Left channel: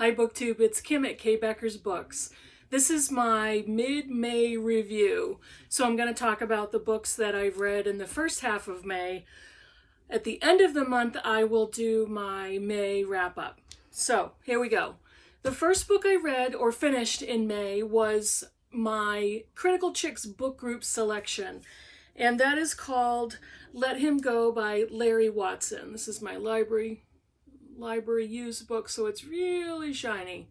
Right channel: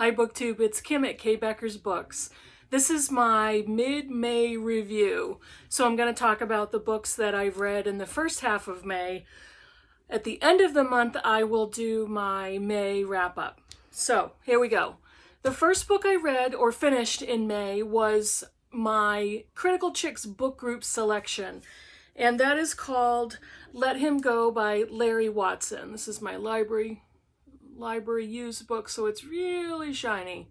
Hi Booktube, it's Kim at K. Becker's Books. This is my mid-May review, so I'm going to talk about the books that I've read in the first half of May. At the end of the month, I will do my May wrap-up. So, here we go. The first book I read or finished in May was my Critical Chicks book group selection, and that is called Let Him Go by Larry Watson. This is my library used book, so it's really shiny.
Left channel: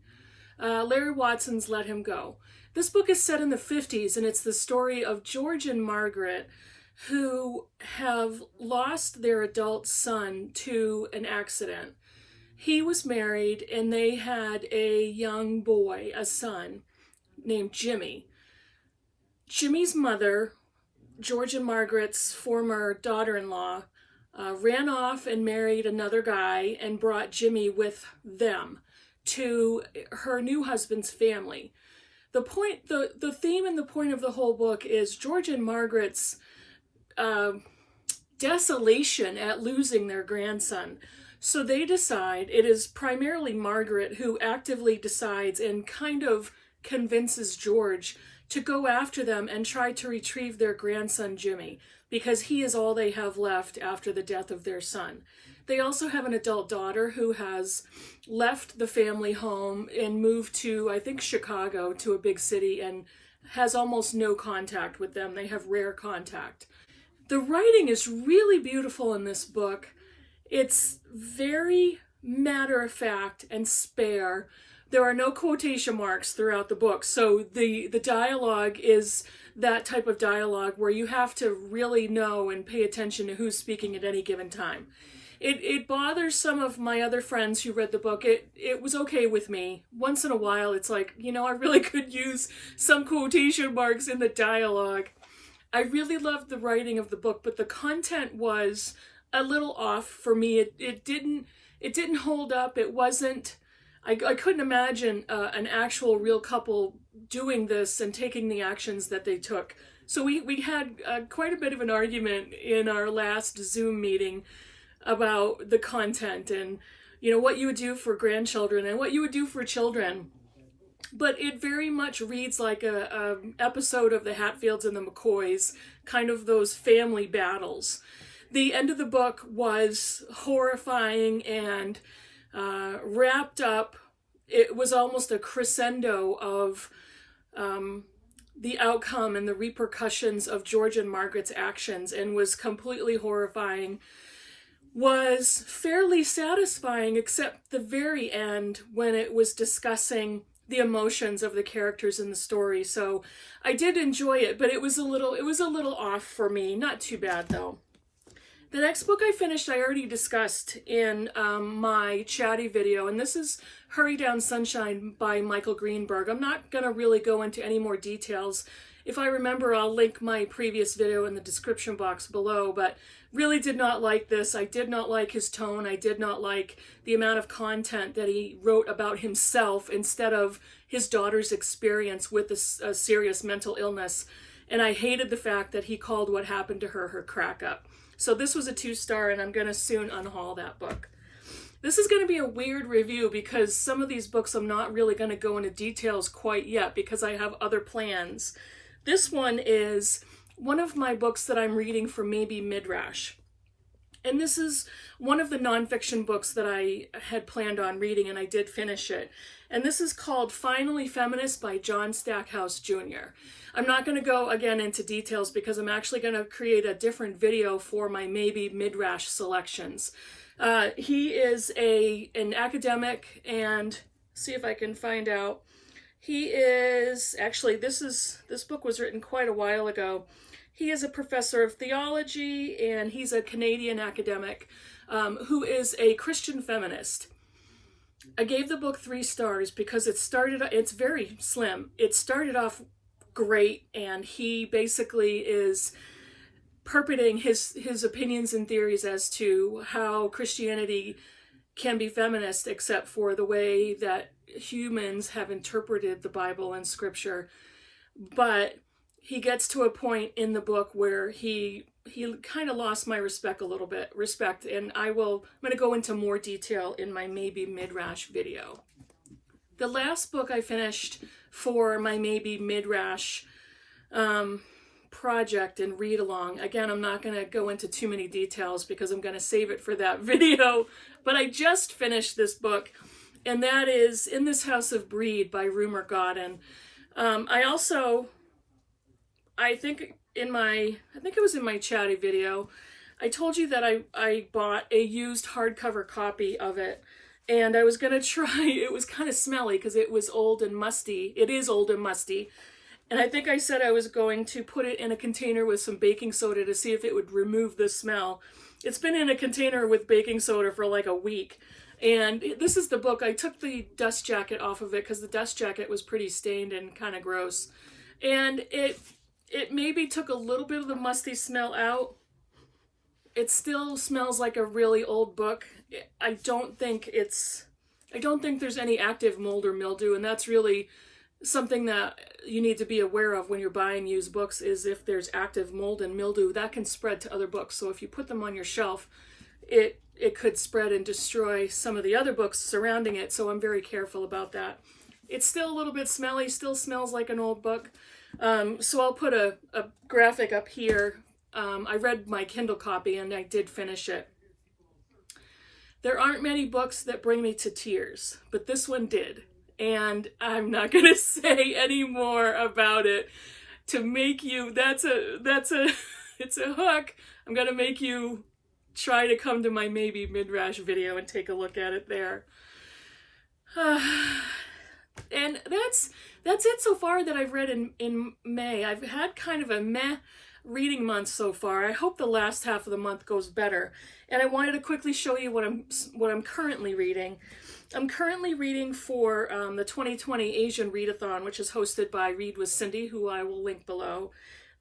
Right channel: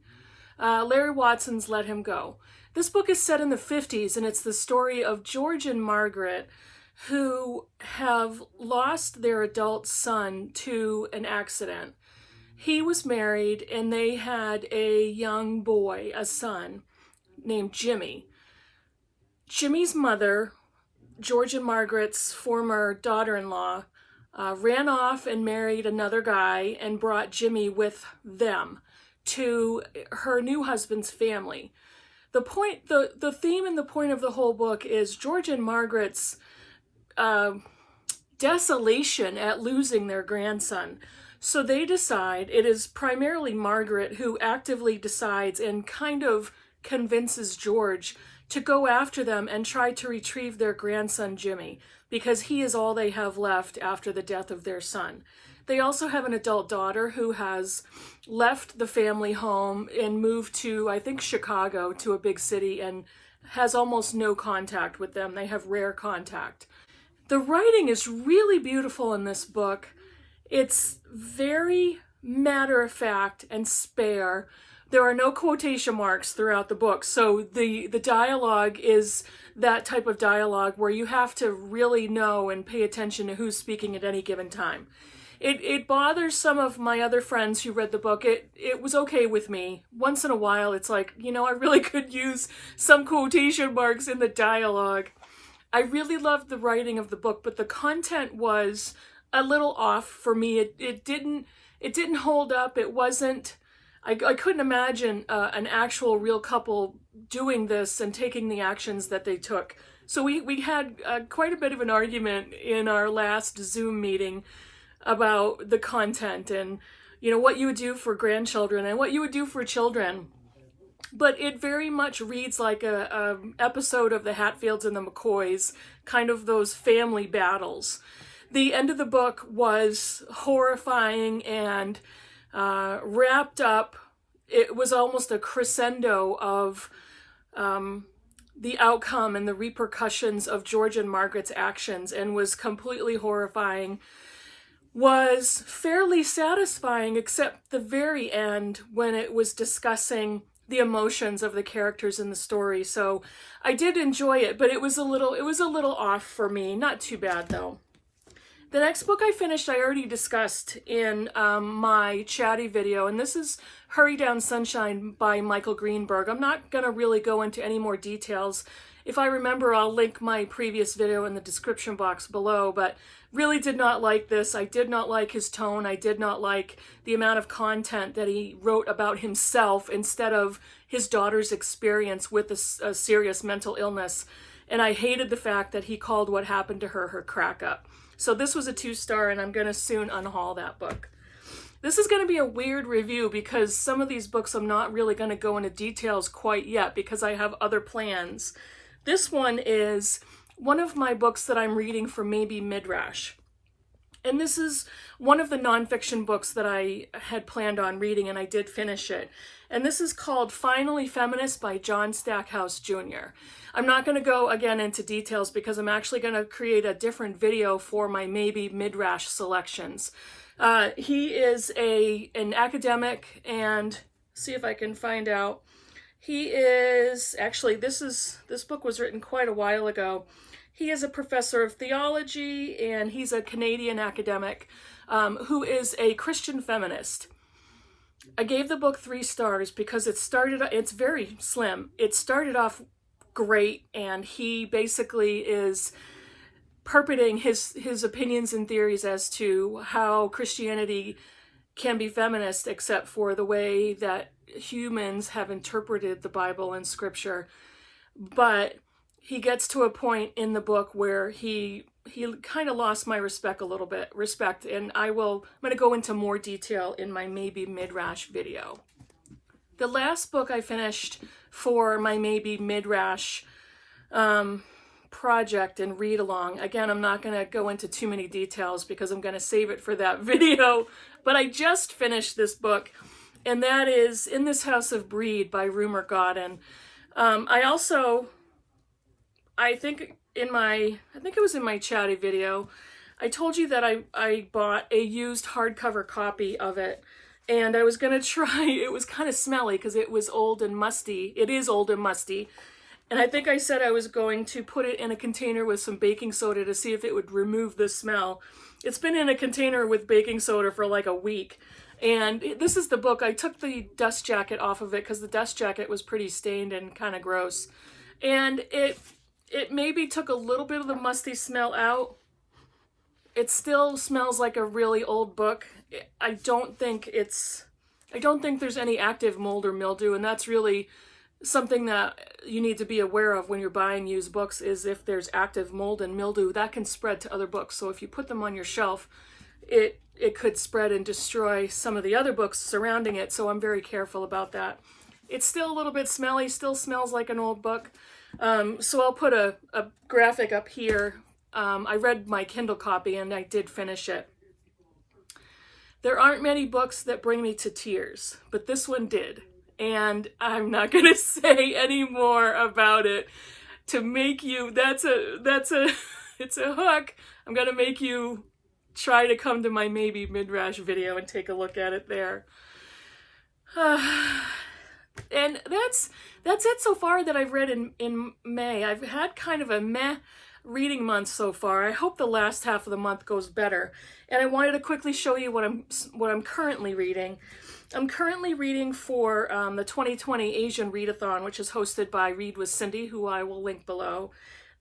Larry Watson's Let Him Go. This book is set in the 50s, and it's the story of George and Margaret, who have lost their adult son to an accident. He was married, and they had a young boy, a son, named Jimmy. Jimmy's mother, George and Margaret's former daughter-in-law, ran off and married another guy and brought Jimmy with them to her new husband's family. The theme and the point of the whole book is George and Margaret's desolation at losing their grandson. So they decide, it is primarily Margaret who actively decides and kind of convinces George to go after them and try to retrieve their grandson Jimmy, because he is all they have left after the death of their son. They also have an adult daughter who has left the family home and moved to, I think, Chicago, to a big city, and has almost no contact with them. They have rare contact. The writing is really beautiful in this book. It's very matter-of-fact and spare. There are no quotation marks throughout the book, so the dialogue is that type of dialogue where you have to really know and pay attention to who's speaking at any given time. It bothers some of my other friends who read the book. It was okay with me. Once in a while, it's like, you know, I really could use some quotation marks in the dialogue. I really loved the writing of the book, but the content was a little off for me. It didn't hold up. It wasn't, I couldn't imagine an actual real couple doing this and taking the actions that they took. So we had quite a bit of an argument in our last Zoom meeting about the content and, you know, what you would do for grandchildren and what you would do for children. But it very much reads like a episode of the Hatfields and the McCoys, kind of those family battles. The end of the book was horrifying and wrapped up. It was almost a crescendo of the outcome and the repercussions of George and Margaret's actions, and was completely horrifying. Was fairly satisfying, except the very end when it was discussing the emotions of the characters in the story. So I did enjoy it, but it was a little off for me. Not too bad though. The next book I finished, I already discussed in my chatty video, and this is Hurry Down Sunshine by Michael Greenberg. I'm not going to really go into any more details. If I remember, I'll link my previous video in the description box below, but really did not like this. I did not like his tone. I did not like the amount of content that he wrote about himself instead of his daughter's experience with a serious mental illness. And I hated the fact that he called what happened to her crack up. So this was a 2-star, and I'm going to soon unhaul that book. This is going to be a weird review because some of these books I'm not really going to go into details quite yet because I have other plans. This one is one of my books that I'm reading for maybe Midrash. And this is one of the nonfiction books that I had planned on reading, and I did finish it. And this is called Finally Feminist by John Stackhouse Jr. I'm not going to go again into details because I'm actually going to create a different video for my maybe Midrash selections. He is an academic, and see if I can find out. He is, actually, this book was written quite a while ago. He is a professor of theology, and he's a Canadian academic who is a Christian feminist. I gave the book 3 stars because it's very slim. It started off great, and he basically is perpetrating his opinions and theories as to how Christianity can be feminist, except for the way that humans have interpreted the Bible and scripture. But he gets to a point in the book where he kind of lost my respect a little bit, and I'm going to go into more detail in my maybe Midrash video. The last book I finished for my maybe mid-rash project and read along. Again, I'm not going to go into too many details because I'm going to save it for that video, but I just finished this book, and that is In This House of Breed by Rumer Godden. I think it was in my chatty video, I told you that I bought a used hardcover copy of it, and I was going to try. It was kind of smelly because it was old and musty. It is old and musty. And I think I said I was going to put it in a container with some baking soda to see if it would remove the smell. It's been in a container with baking soda for like a week. And this is the book. I took the dust jacket off of it because the dust jacket was pretty stained and kind of gross. And it maybe took a little bit of the musty smell out. It still smells like a really old book. I don't think there's any active mold or mildew, and that's really something that you need to be aware of when you're buying used books, is if there's active mold and mildew, that can spread to other books. So if you put them on your shelf, it could spread and destroy some of the other books surrounding it. So I'm very careful about that. It's still a little bit smelly, still smells like an old book. So I'll put a graphic up here. I read my Kindle copy and I did finish it. There aren't many books that bring me to tears, but this one did. And I'm not going to say any more about it to make you, it's a hook. I'm going to make you try to come to my maybe mid-rash video and take a look at it there. And that's it so far that I've read in May. I've had kind of a meh reading month so far. I hope the last half of the month goes better. And I wanted to quickly show you what I'm currently reading. I'm currently reading for the 2020 Asian Readathon, which is hosted by Read with Cindy, who I will link below.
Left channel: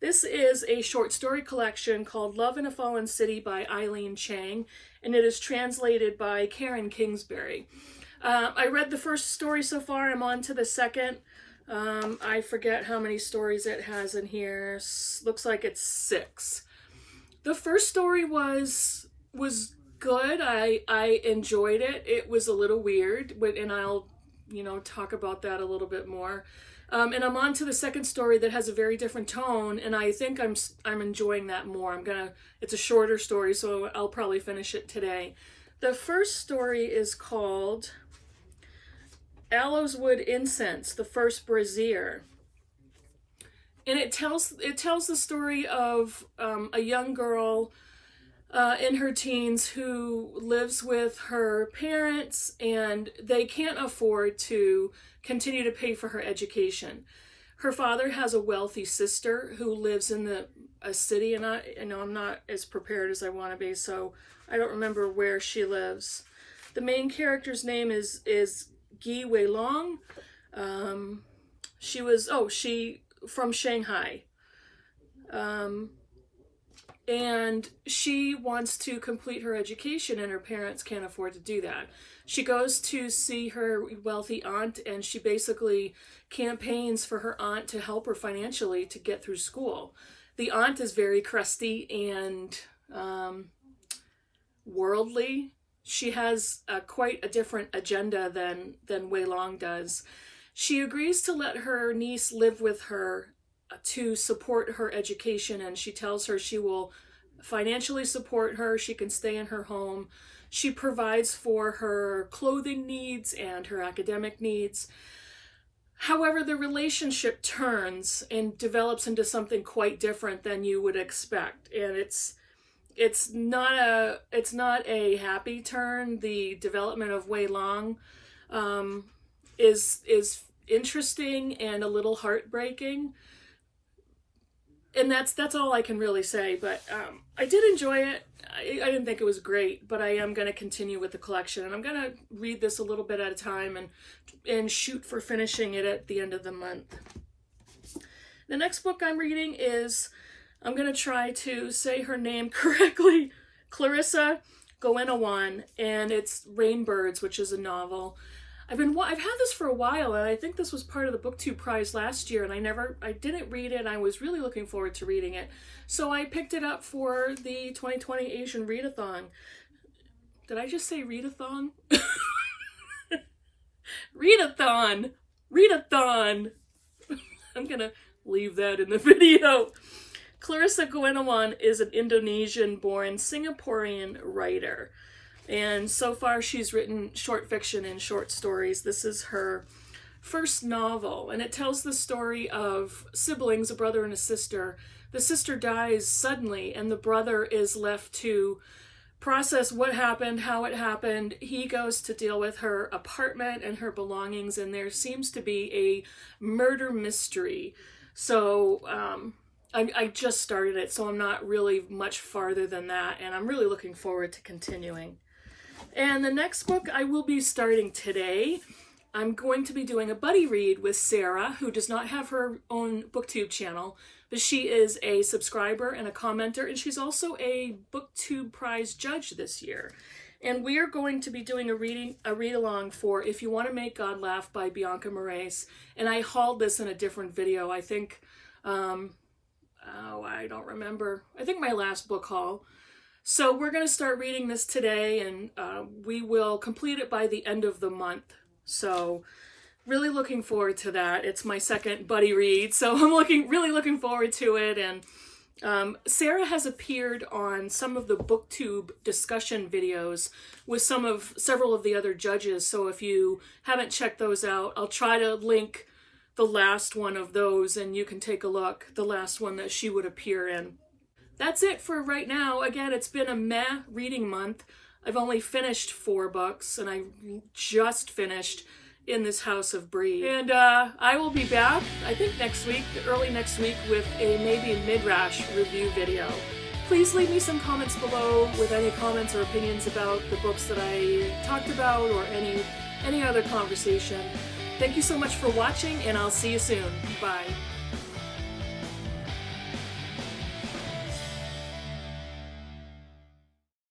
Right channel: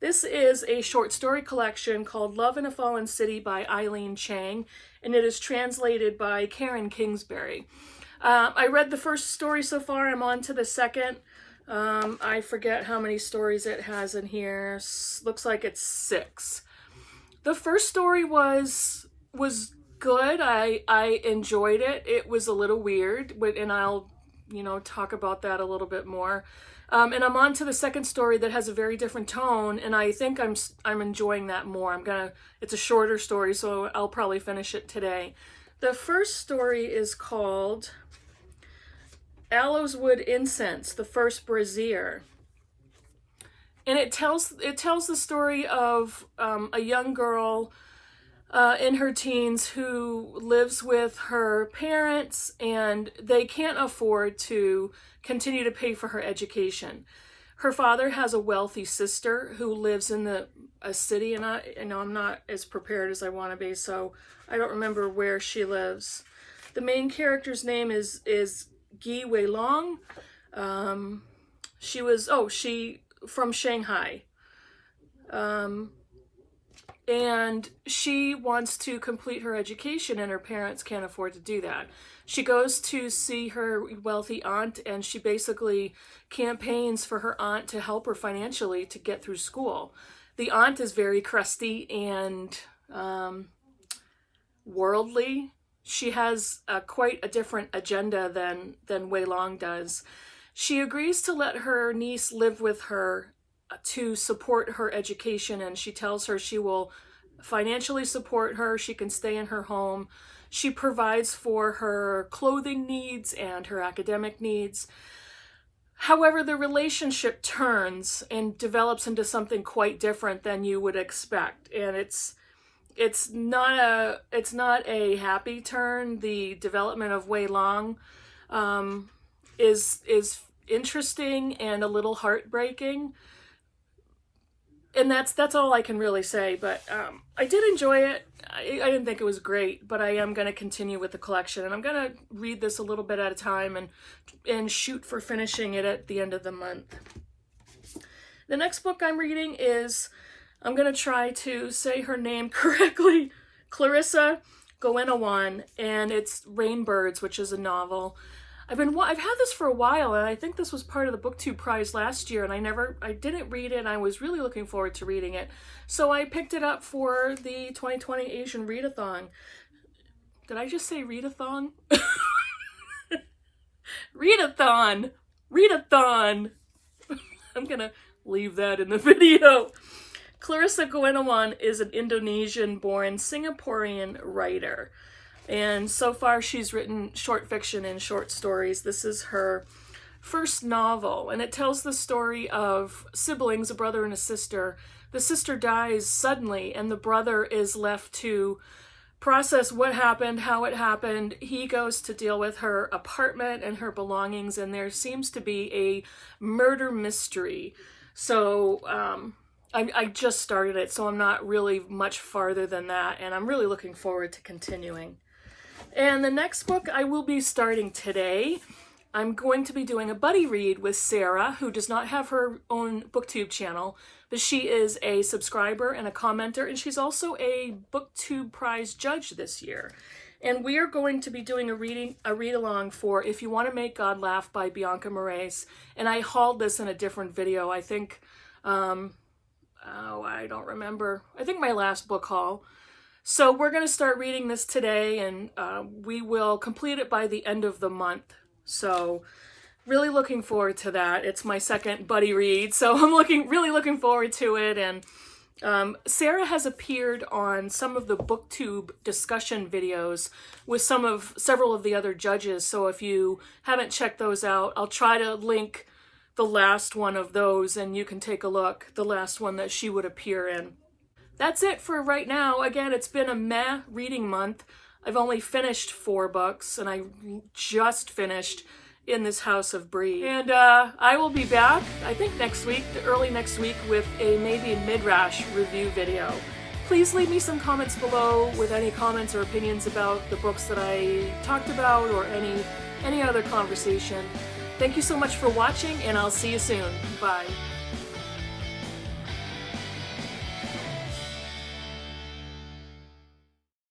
This is a short story collection called Love in a Fallen City by Eileen Chang, and it is translated by Karen Kingsbury. I read the first story so far. I'm on to the second. I forget how many stories it has in here. Looks like it's 6. The first story was good. I enjoyed it. It was a little weird, and I'll, talk about that a little bit more. And I'm on to the second story that has a very different tone, and I think I'm enjoying that more. It's a shorter story, so I'll probably finish it today. The first story is called Aloeswood Incense, the First Brazier. And it tells the story of a young girl in her teens who lives with her parents, and they can't afford to continue to pay for her education. Her father has a wealthy sister who lives in a city, and I'm not as prepared as I want to be, so I don't remember where she lives. The main character's name is Gi Weilong. She from Shanghai. And she wants to complete her education, and her parents can't afford to do that. She goes to see her wealthy aunt, and she basically campaigns for her aunt to help her financially to get through school. The aunt is very crusty and worldly. She has quite a different agenda than Wei Long does. She agrees to let her niece live with her to support her education, and she tells her she will financially support her. She can stay in her home. She provides for her clothing needs and her academic needs. However, the relationship turns and develops into something quite different than you would expect, and it's not a happy turn. The development of Wei Long is interesting and a little heartbreaking. And that's all I can really say, but I did enjoy it. I didn't think it was great, but I am going to continue with the collection, and I'm going to read this a little bit at a time and shoot for finishing it at the end of the month. The next book I'm reading is, I'm going to try to say her name correctly, Clarissa Goenawan, and it's Rainbirds, which is a novel. I've had this for a while, and I think this was part of the Booktube Prize last year, and I didn't read it, and I was really looking forward to reading it. So I picked it up for the 2020 Asian Readathon. Did I just say readathon? Readathon! Readathon! I'm gonna leave that in the video. Clarissa Gunawan is an Indonesian-born Singaporean writer. And so far she's written short fiction and short stories. This is her first novel, and it tells the story of siblings, a brother and a sister. The sister dies suddenly, and the brother is left to process what happened, how it happened. He goes to deal with her apartment and her belongings, and there seems to be a murder mystery. So I just started it, so I'm not really much farther than that, and I'm really looking forward to continuing. And the next book I will be starting today. I'm going to be doing a buddy read with Sarah, who does not have her own Booktube channel, but she is a subscriber and a commenter, and she's also a Booktube Prize judge this year. And we are going to be doing a read-along for If You Want to Make God Laugh by Bianca Moraes. And I hauled this in a different video, I think, oh, I don't remember. I think my last book haul. So we're going to start reading this today, and we will complete it by the end of the month. So really looking forward to that. It's my second buddy read, so I'm really looking forward to it. And Sarah has appeared on some of the Booktube discussion videos with several of the other judges. So if you haven't checked those out, I'll try to link the last one of those, and you can take a look, the last one that she would appear in. That's it for right now. Again, it's been a meh reading month. I've only finished 4 books, and I just finished In This House of Breed. And I will be back, I think next week, early next week, with maybe a Midrash review video. Please leave me some comments below with any comments or opinions about the books that I talked about, or any other conversation. Thank you so much for watching, and I'll see you soon. Bye.